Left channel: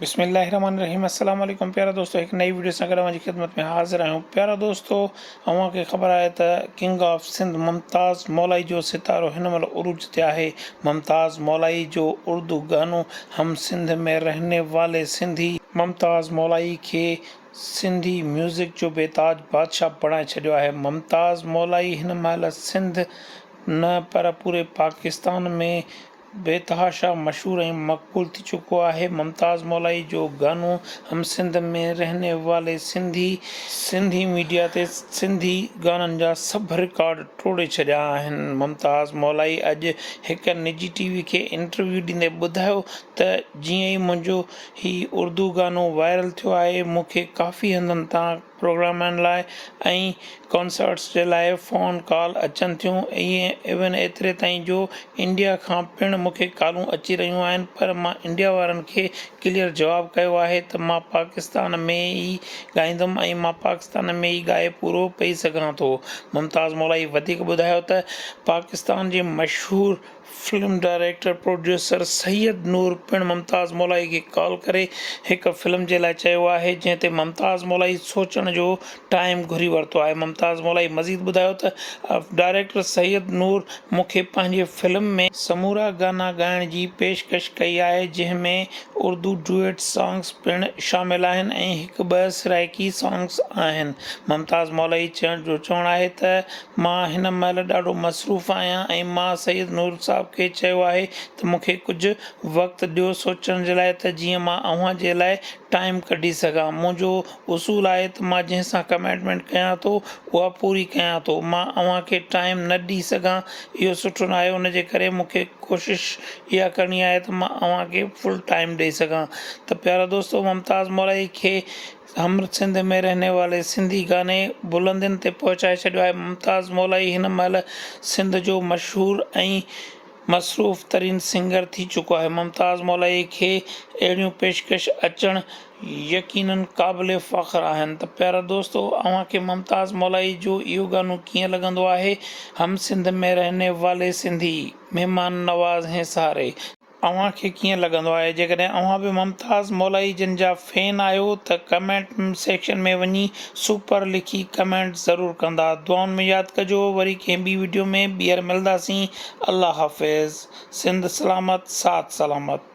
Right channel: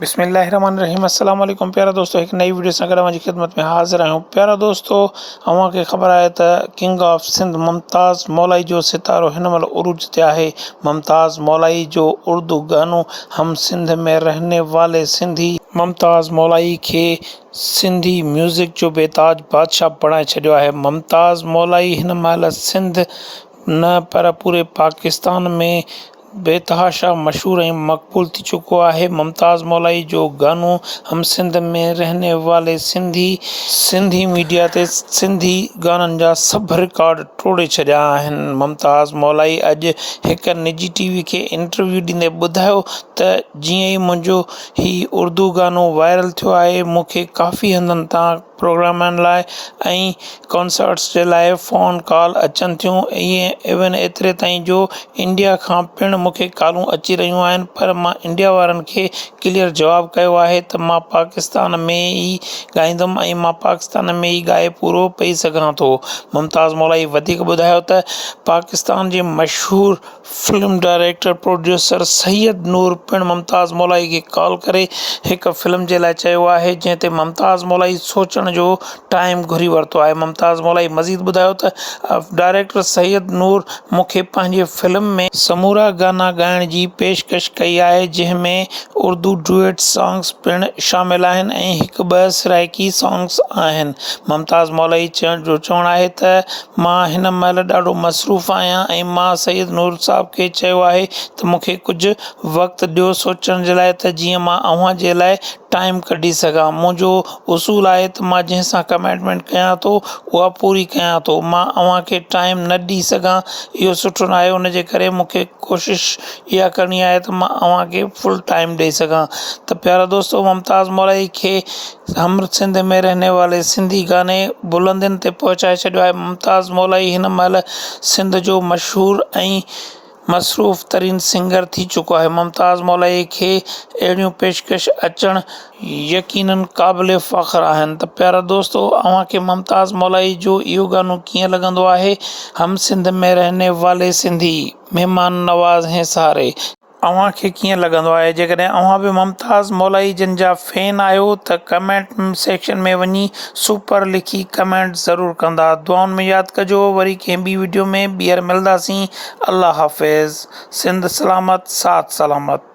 बिस्मिल्लाहिर्रहमानिर्रहीम अस्सलाम वालेकुम प्यारा दोस्तों, एक नई वीडियो सां गॾु मुंहिंजी ख़िदमत में हाज़िर आहियूं। प्यारा दोस्तों, अव्हांखे ख़बर आहे त किंग ऑफ सिंध मुमताज़ मौलाई जो सितारो हिन महिल उरूज ते आहे। मुमताज़ मौलाई जो उर्दू गानो हम सिंध में रहने वाले सिंधी मुमताज़ मौलाई खे सिंधी म्यूज़िक जो बेताज बादशाह बणाए छॾियो आहे। मुमताज़ मौलाई हिन महिल सिंध न पर पूरे पाकिस्तान में बेतहाशा मशहूर ऐं मक़बूल थी चुको आहे। मुमताज़ मौलाई जो गानो हम सिंध में रहने वाले सिंधी मीडिया ते सिंधी गाननि जा सभु रिकॉर्ड टोड़े छॾिया आहिनि। मुमताज़ मौलाई अॼु हिकु निजी टीवी खे इंटरव्यू ॾींदे ॿुधायो त जीअं ई मुंहिंजो हीउ उर्दू गानो वायरल थियो आहे, मूंखे काफ़ी हंधनि तां प्रोग्रामनि लाइ ऐं कॉन्सर्ट्स जे लाइ फ़ोन कॉल अचनि थियूं। इवन एतिरे ताईं जो इंडिया खां पिणु मूंखे कॉलूं अची रहियूं आहिनि, पर मां इंडिया वारनि खे क्लियर जवाबु कयो आहे त मां पाकिस्तान में ई ॻाईंदुमि ऐं मां पाकिस्तान में ई ॻाए पूरो पेई सघां थो। मुमताज़ मौलाई वधीक ॿुधायो त पाकिस्तान जे मशहूरु फिल्म डायरेक्टर प्रोड्यूसर सैयद नूर पिणु मुमताज़ मौलाई खे कॉल करे हिकु फिल्म जे लाइ चयो आहे, जंहिं ते मुमताज़ मौलाई सोचण जो टाइम घुरी वरितो आहे। मुमताज़ मौलाई मज़ीद ॿुधायो त डायरेक्टर सैयद नूर मूंखे पंहिंजे फिल्म में समूरा गाना ॻाइण जी पेशकश कई आहे, जंहिंमें उर्दू डुएट सॉन्ग्स पिणु शामिल आहिनि ऐं हिकु ॿ सराइकी सॉन्ग्स आहिनि। मुमताज़ मौलाई जो चवणु आहे त मां हिन महिल ॾाढो मसरूफ़ आहियां ऐं मां सैयद नूर साहब खे चयो आहे त मूंखे कुझु वक़्तु ॾियो सोचण जे लाइ, त जीअं मां अव्हां जे लाइ टाइम कढी सघां। मुंहिंजो उसूल आहे त मां जंहिंसां कमिटमेंट कयां थो उहा पूरी कयां थो। मां अव्हांखे टाइम न ॾेई सघां, इहो सुठो न आहे। उन जे करे मूंखे कोशिशि इहा करणी आहे त मां अव्हांखे फुल टाइम ॾेई सघां। त प्यारा दोस्तो, मुमताज़ मौलाई खे हम सिंध में रहने वाले सिंधी गाने बुलंदियुनि ते पहुचाए छॾियो आहे। मुमताज़ मौलाई हिन महिल सिंध जो मशहूरु ऐं मसरूफ़ तरीन सिंगर थी चुको आहे। मुमताज़ मौलाई खे अहिड़ियूं पेशकश अचणु यकीनन क़ाबिल फ़ख्रु आहिनि। त प्यारा दोस्तो, अव्हांखे मुमताज़ मौलाई जो इहो गानो कीअं लॻंदो आहे? हम सिंध में रहने वाले सिंधी महिमान नवाज़ हैं सारे, अव्हांखे कीअं लॻंदो आहे? जेकॾहिं अव्हां बि मुमताज़ मौलाई जिन जा फैन आहियो त कमेंट सेक्शन में वञी सुपर लिखी कमेंट ज़रूरु कंदा। दुआउनि में यादि कजो। वरी कंहिं ॿी वीडियो में ॿीहर मिलंदासीं। अल्लाह हाफ़िज़। सिंध सलामत, साथ सलामत।